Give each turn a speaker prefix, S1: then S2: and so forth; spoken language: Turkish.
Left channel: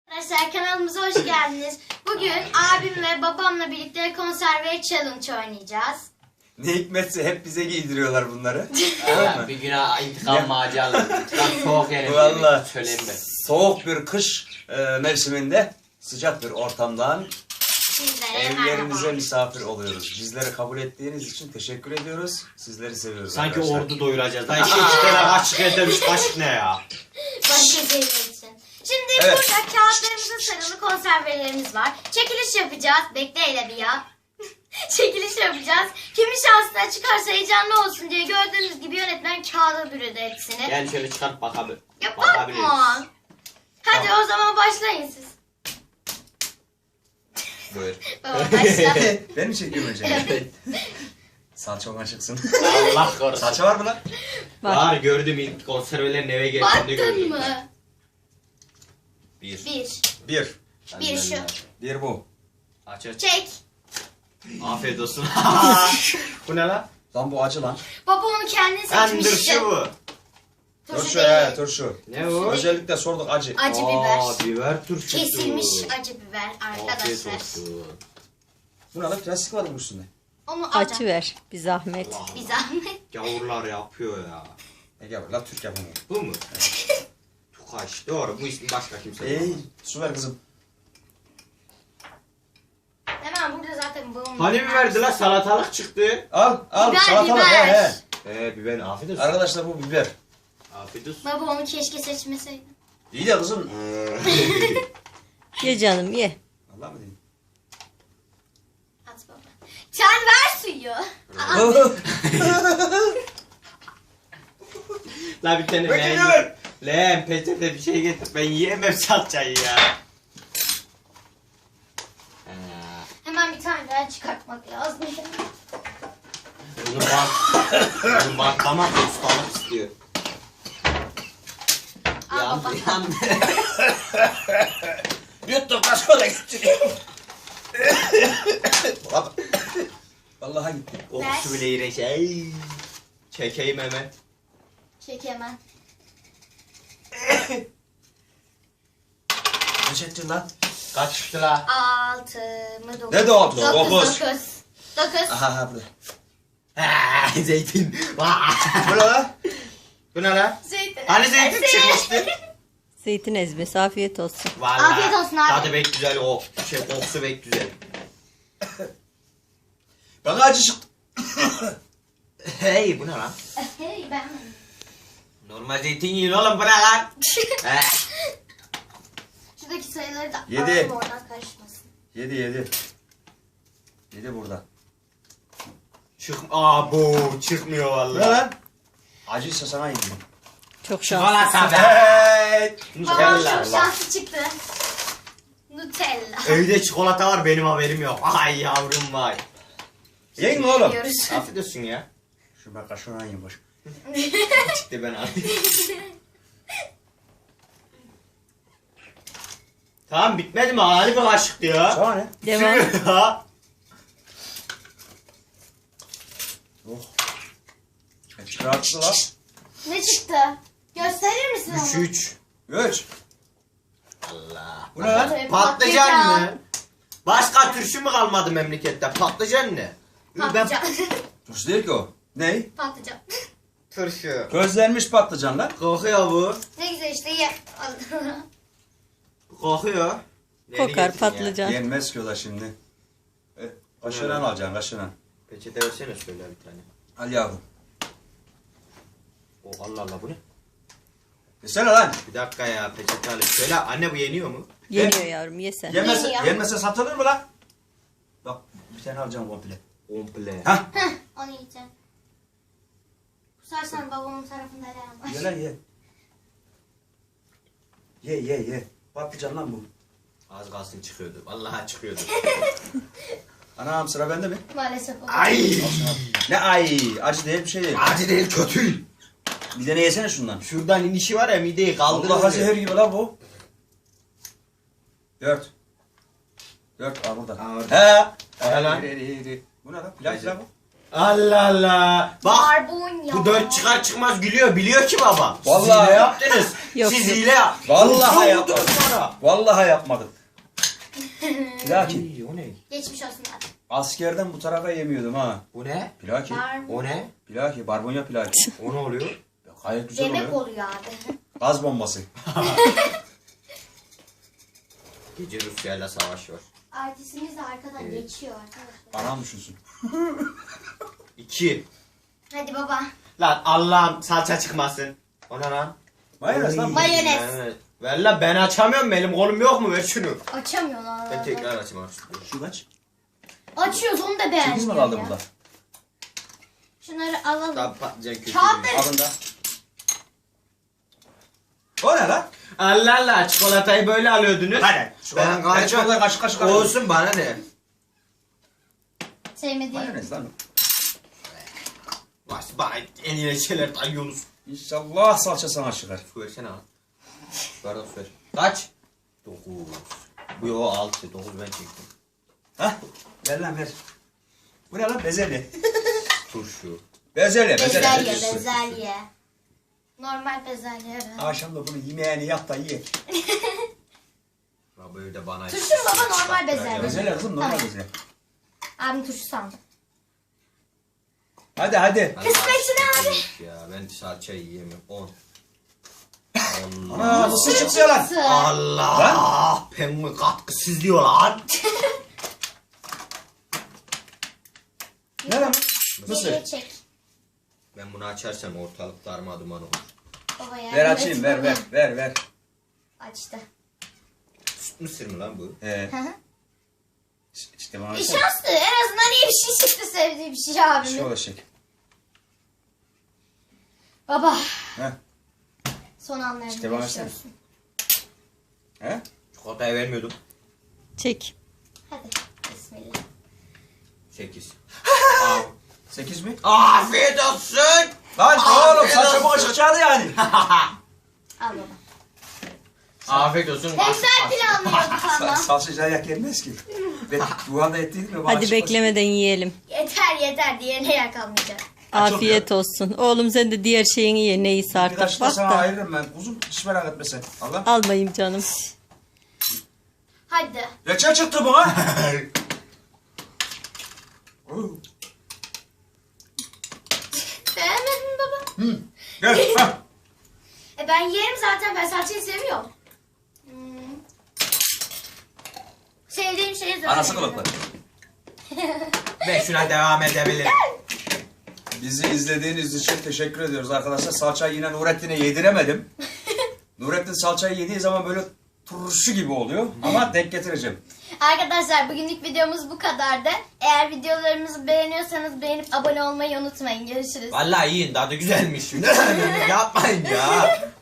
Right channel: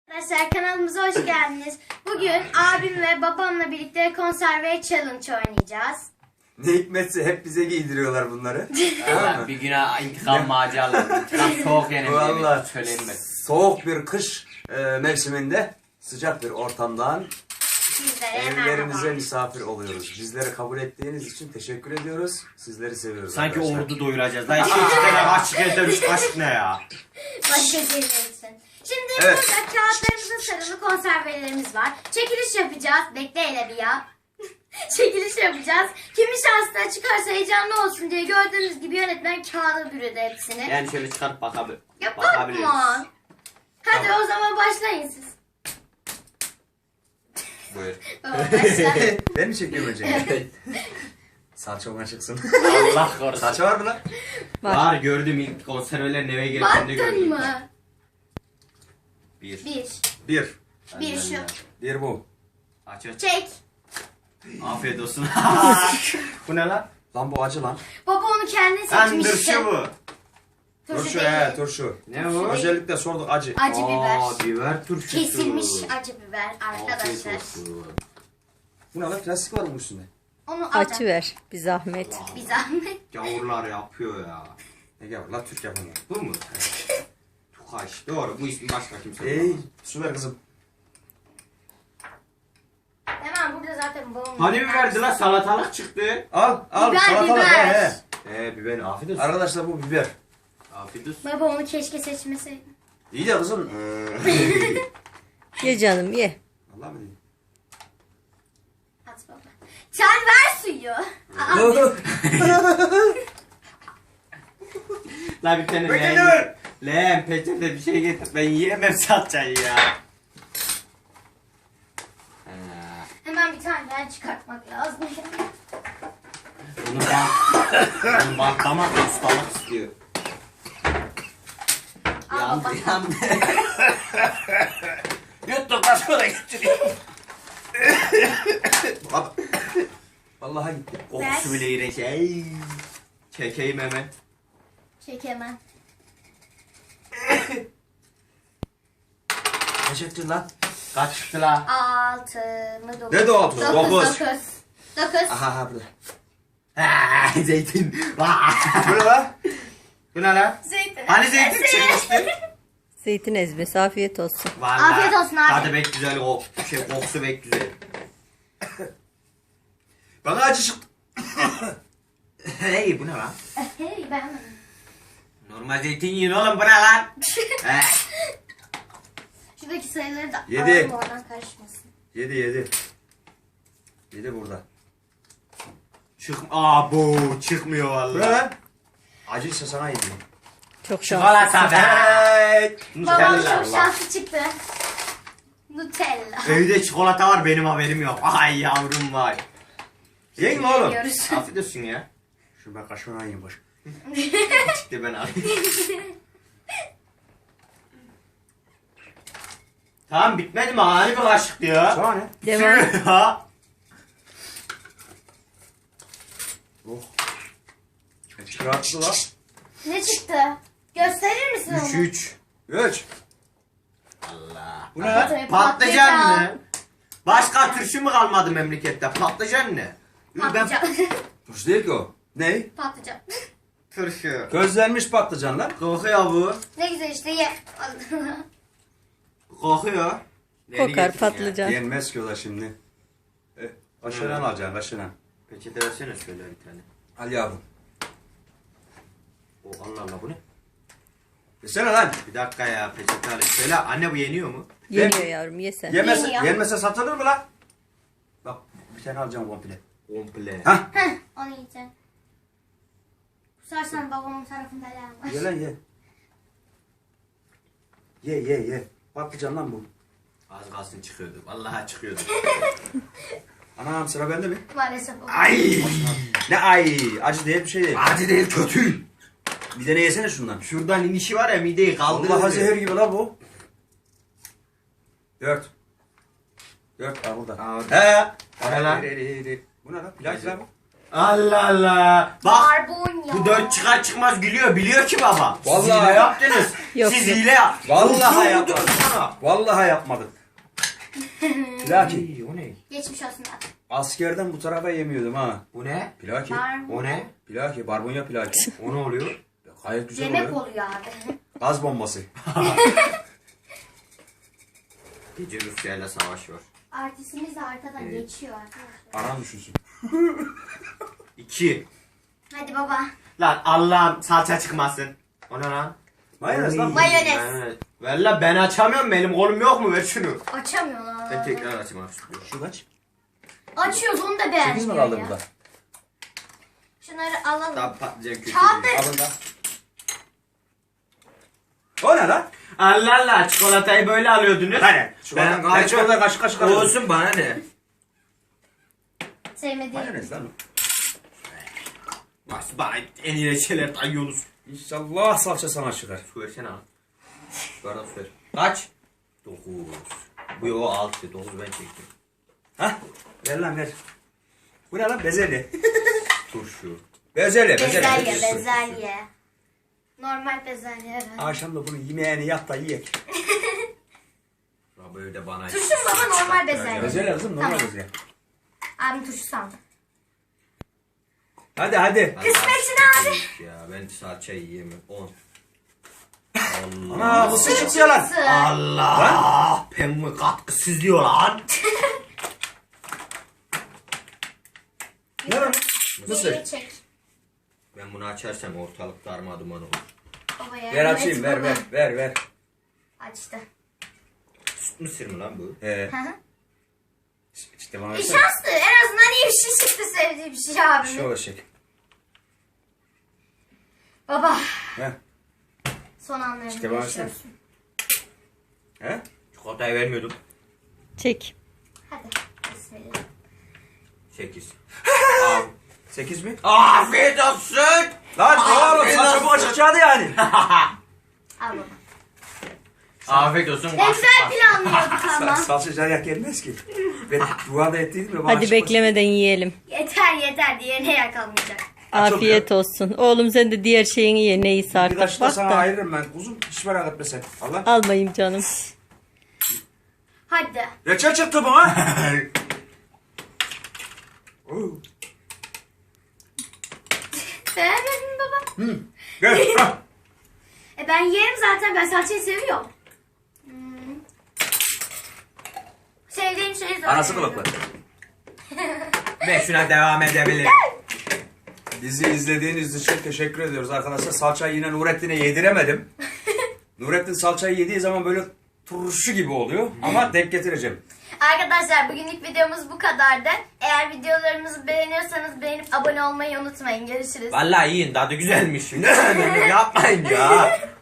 S1: Arkadaşlar kanalımıza hoş geldiniz. Bugün abim ve babamla birlikte konserve challenge oynayacağız.
S2: Ne hikmetse hep bize giydiriyorlar bunları.
S3: Evet, bir güne intikam maceraları. İntikam soğuk yerim.
S2: Vallahi
S3: Söyleyeyim ben.
S2: soğuk bir kış mevsiminde sıcak bir ortamdan
S1: Sizlere
S2: evlerimize
S1: merhaba.
S2: misafir oluyoruz. Bizleri kabul ettiğiniz için teşekkür ediyoruz. Sizleri seviyoruz
S3: Sanki
S2: arkadaşlar.
S3: ordu doyuracağız. Lan iki tane kaşık edermiş kaşık ne ya?
S1: Başka şeyler için. Şimdi
S2: Evet.
S1: burada kağıtlarımızda sarılı konservelerimiz var. Çekiliş yapacağız. Bekle hele bir ya. Çekiliş yapacağız. Kimin şansına çıkarsa heyecanlı olsun diye gördüğünüz gibi yönetmen kağıda bürüdü hepsini.
S3: Yani şöyle çıkarıp
S1: Ya
S3: bakabiliriz.
S1: bakma. Hadi o zaman başlayın siz.
S3: Buyur.
S1: Baba başla.
S2: Ben mi çekiyorum önce?
S3: Evet.
S2: Salça çıksın.
S3: Allah korusun.
S2: Salça var mı lan?
S3: Var gördüm ilk konservelerin eve geldiğinde
S1: Baktın
S3: gördüm.
S1: mı?
S3: Bir.
S1: Bir.
S2: Bir.
S1: Bir şu.
S2: Bir bu.
S3: Aç aç.
S1: Çek.
S3: Afiyet olsun. Bu ne lan?
S2: Lan bu acı lan.
S1: Baba onu kendin
S3: Lan dur
S1: seçmişti.
S3: şu bu.
S2: Turşu
S1: değil.
S2: turşu.
S3: Ne bu?
S2: Özellikle sorduk acı.
S1: Acı
S3: Aa,
S1: biber.
S3: biber turşusu.
S1: Kesilmiş acı biber
S3: Afiyet
S1: arkadaşlar.
S3: olsun.
S2: Bu ne lan? Plastik var mı üstünde?
S1: Onu
S4: Açı
S1: alacağım.
S4: ver bir zahmet.
S3: Allah.
S1: Bir zahmet.
S3: Gavurlar yapıyor ya.
S2: Ne gavur lan? Türk yapımı.
S3: Bu mu? Tukaş. Doğru. Bu ismi başka kimse
S2: Ey
S3: bulamaz.
S2: su ver kızım.
S1: Hemen burada zaten babamın.
S3: Hani biberdi lan salatalık çıktı.
S2: Al
S1: Biber,
S2: salatalık
S1: biber.
S2: he.
S3: Biber afiyet olsun.
S2: Arkadaşlar bu biber.
S3: Afiyet olsun.
S1: Baba onu keşke seçmeseydin.
S2: İyi de kızım.
S4: Ye canım ye.
S2: Vallahi mi diyeyim?
S1: At baba. Sen ver suyu.
S3: La bir tane
S2: Peki,
S3: leğen.
S2: dur.
S3: Leğen peçete bir şey getir. Ben yiyemem salçayı ya.
S1: Hemen bir tane daha çıkartmak lazım.
S3: Bunu bantlamak ustalık istiyor.
S1: Al
S3: Yandı
S1: baba.
S3: yandı.
S2: Yuttum başka da getiriyor. Vallahi gitti.
S3: Kokusu bile iğrenç. Ey. Çekeyim hemen.
S1: Çek hemen.
S2: Kaç ettin lan?
S3: Kaç çıktı la?
S1: 6 mı 9?
S2: Ne de altısı?
S1: 9.
S2: Dokuz.
S1: 9.
S2: Aha burada.
S3: Zeytin.
S2: Bu ne lan?
S3: Bu ne lan?
S1: Zeytin.
S3: Hani zeytin çıkmıştı?
S4: Zeytin ezmesi afiyet olsun.
S3: Vallahi.
S1: Afiyet olsun abi.
S3: Tadı pek güzel o. Kokusu pek güzel.
S2: Bana acı çıktı.
S3: Hey bu ne lan?
S1: Hey ben.
S3: Normal zeytin yiyin oğlum bu ne lan?
S1: Şuradaki sayıları da
S2: 7.
S1: alalım oradan karışmasın.
S2: 7. 7 burada.
S3: Bu çıkmıyor
S2: Bu
S3: vallahi.
S2: ne lan? Acıysa sana yiyeyim.
S4: Çok şanslısın.
S3: Çikolata be.
S2: Hey!
S1: Babam
S3: Nutella.
S1: çok şanslı çıktı. Nutella.
S3: Evde çikolata var benim haberim yok. Ay yavrum vay.
S2: Yiyin mi oğlum?
S1: Yiyoruz.
S3: Afiyet olsun ya.
S2: Şu ben kaşığına yiyeyim boş.
S3: Çıktı ben alayım. Tamam bitmedi mi? Hani bir kaşık diyor.
S2: Sana ne?
S4: Devam.
S3: Ya.
S2: Oh. Çıkarttı lan.
S1: Ne çıktı? Gösterir misin onu?
S3: 3.
S2: 3.
S3: Allah.
S2: Bu ne lan?
S1: Tabii,
S3: Patlıcan mı? Başka turşu mu kalmadı memlekette? Patlıcan ne?
S1: Patlıcan.
S2: Turşu değil ki o. Ne?
S1: Patlıcan.
S3: Turşu.
S2: Közlenmiş patlıcanlar.
S3: Kokuyor bu.
S1: Ne güzel işte ye.
S3: Kokuyor. Neyini
S4: Kokar
S3: getirdin ya?
S4: patlıcan.
S2: Yenmez ki o da şimdi. Kaşığından alacaksın kaşığından.
S3: Peçete versene şöyle bir tane.
S2: Al yavrum.
S3: O Allah Allah bu ne?
S2: Yesene lan.
S3: Bir dakika ya peçete alayım. Söyle anne bu yeniyor mu?
S4: Yeniyor yavrum ye sen.
S1: Yeniyor.
S2: Yenmese satılır mı lan? Bak bir tane alacağım komple.
S3: Komple.
S2: Hah.
S1: Onu yiyeceğim. Kusarsan babamın tarafında yer var.
S2: Ye lan ye. Ye. Patlıcan lan bu.
S3: Az kalsın çıkıyordu. Vallahi çıkıyordu.
S2: Anam sıra bende mi?
S1: Maalesef baba.
S3: Ay!
S2: Ne ay acı değil bir şey değil.
S3: Acı değil kötü.
S2: Bir tane yesene şundan.
S3: Şuradan inişi var ya mideyi kaldırır.
S2: Allah'a zehir gibi la bu. 4. 4 al burada.
S3: Al.
S2: He.
S3: He lan.
S2: Bu ne lan? Pilav la bu.
S3: Allah Allah. Bak
S1: Barbunya.
S3: bu 4 çıkar çıkmaz gülüyor. Biliyor ki baba.
S2: Vallahi.
S3: Siz ne yaptınız?
S4: Yok,
S3: Siz
S4: yok.
S3: hile ya.
S2: Vallahi
S3: Vurdum
S2: yapmadım.
S3: sana.
S2: Vallahi yapmadım. Plaki.
S3: İyi, o ne?
S1: Geçmiş olsun abi.
S2: Askerden bu tarafa yemiyordum ha.
S3: Bu ne?
S2: Plaki.
S1: Var mı?
S3: O ne?
S2: Plaki. Barbunya plaki.
S3: O ne oluyor?
S2: Gayet güzel
S1: Demek
S2: oluyor.
S1: oluyor abi.
S2: Gaz bombası.
S3: Gece Rusya ile savaş var.
S1: Artistimiz de arkadan
S3: Evet.
S1: geçiyor arkadaşlar.
S2: Anam düşünsün.
S3: 2.
S1: Hadi baba.
S3: Lan Allah'ım salça çıkmasın. O ne lan?
S2: Mayonez lan.
S1: Mayonez.
S3: Ver lan ben açamıyorum elim kolum yok mu ver şunu.
S1: Açamıyor lan.
S3: Ben tekrar açayım istiyorum.
S2: Şu kaç?
S1: Açıyoruz onu da
S2: 8
S1: beğenmiyor
S2: mi kaldı
S1: ya.
S2: burada?
S1: Şunları alalım.
S3: Daha patlıcan kötü.
S1: Kağıtları-
S2: Alın da. O ne lan?
S3: Allah Allah çikolatayı böyle alıyordunuz.
S2: Hadi.
S3: Ben
S2: Ben çikolata kaşık kaşık alıyorum.
S3: Olsun bana ne?
S1: Sevmediğim.
S2: Mayonez lan.
S3: Bana en iyi şeyler dayıyorsunuz.
S2: İnşallah salça sana çıkar.
S3: Su versene abi. Bardak su ver. Kaç? 9. Bu o 6. 9 ben çektim.
S2: Hah. Ver lan ver. Bu ne lan? Bezelye.
S3: Turşu.
S2: Bezelye.
S1: Bezelye,
S2: Bezelye.
S1: bezelye. Normal bezelye. Evet.
S2: Akşam da bunu yemeğini yap da yiyek.
S3: Ya böyle de bana...
S1: Turşu baba normal bezelye.
S2: Bezelye kızım normal
S1: Tamam.
S2: bezelye.
S1: Abim turşu sandım.
S2: Hadi hadi.
S1: Kısmetsin abi.
S3: Ya ben salça yiyemiyorum. 10.
S2: Ana bu sıçık diyor lan.
S3: Allah! Pembe katkısız diyor lan.
S2: Ne lan?
S1: Mısır.
S2: Mısır.
S1: Çek.
S3: Ben bunu açarsam ortalık darmaduman olur.
S1: Baba ya.
S2: Ver açayım ver ver ver ver.
S1: Açtı.
S3: Süt mısır mı lan bu?
S2: He.
S1: Hı hı.
S2: İşte bana
S1: Şanslı. En azından iyi bir şey çıktı, sevdiği bir şey
S2: Şu
S1: abimin.
S2: olacak.
S1: Baba.
S2: He.
S1: Son anlarını
S2: İşte bana
S1: yaşıyorsun.
S2: He?
S3: Çikolatayı vermiyordum.
S4: Çek.
S1: Hadi. Bismillah.
S3: 8.
S2: 8 mi?
S3: Afiyet olsun.
S2: Lan oğlum
S3: Afiyet
S2: salça
S3: olsun.
S2: bu açıkacaktı yani.
S1: Al baba.
S3: Afiyet olsun.
S1: Ne güzel planlıyorduk ama.
S2: Salça cayak gelmez ki. Ben duada ettiydim ya. bana
S4: Hadi
S2: çıkmaz.
S4: beklemeden yiyelim.
S1: Yeter yeter diye ne yakalmayacak.
S4: Afiyet olsun. Oğlum sen de diğer şeyini ye neyse
S2: Bir
S4: artık.
S2: kaşık da
S4: Bak
S2: sana
S4: da.
S2: ayırırım ben. Kuzum hiç merak etme sen. Allah.
S4: Almayayım canım.
S1: Hadi.
S2: Reçel çıktı bana. Oo.
S1: Beğenmedin mi baba?
S2: Gel. ha.
S1: Ben yerim zaten, ben salçayı seviyorum. Sevdiğim şeyi zaten.
S2: Anası kılıklı.
S3: Ben şuna devam edebilirim.
S2: Bizi izlediğiniz için teşekkür ediyoruz arkadaşlar. Salçayı yine Nurettin'e yediremedim. Nurettin salçayı yediği zaman böyle turşu gibi oluyor. Ama denk getireceğim.
S1: Arkadaşlar bugünlük videomuz bu kadardı. Eğer videolarımızı beğeniyorsanız beğenip abone olmayı unutmayın. Görüşürüz.
S3: Vallahi yiyin tadı güzelmiş. Ne yapmayın ya.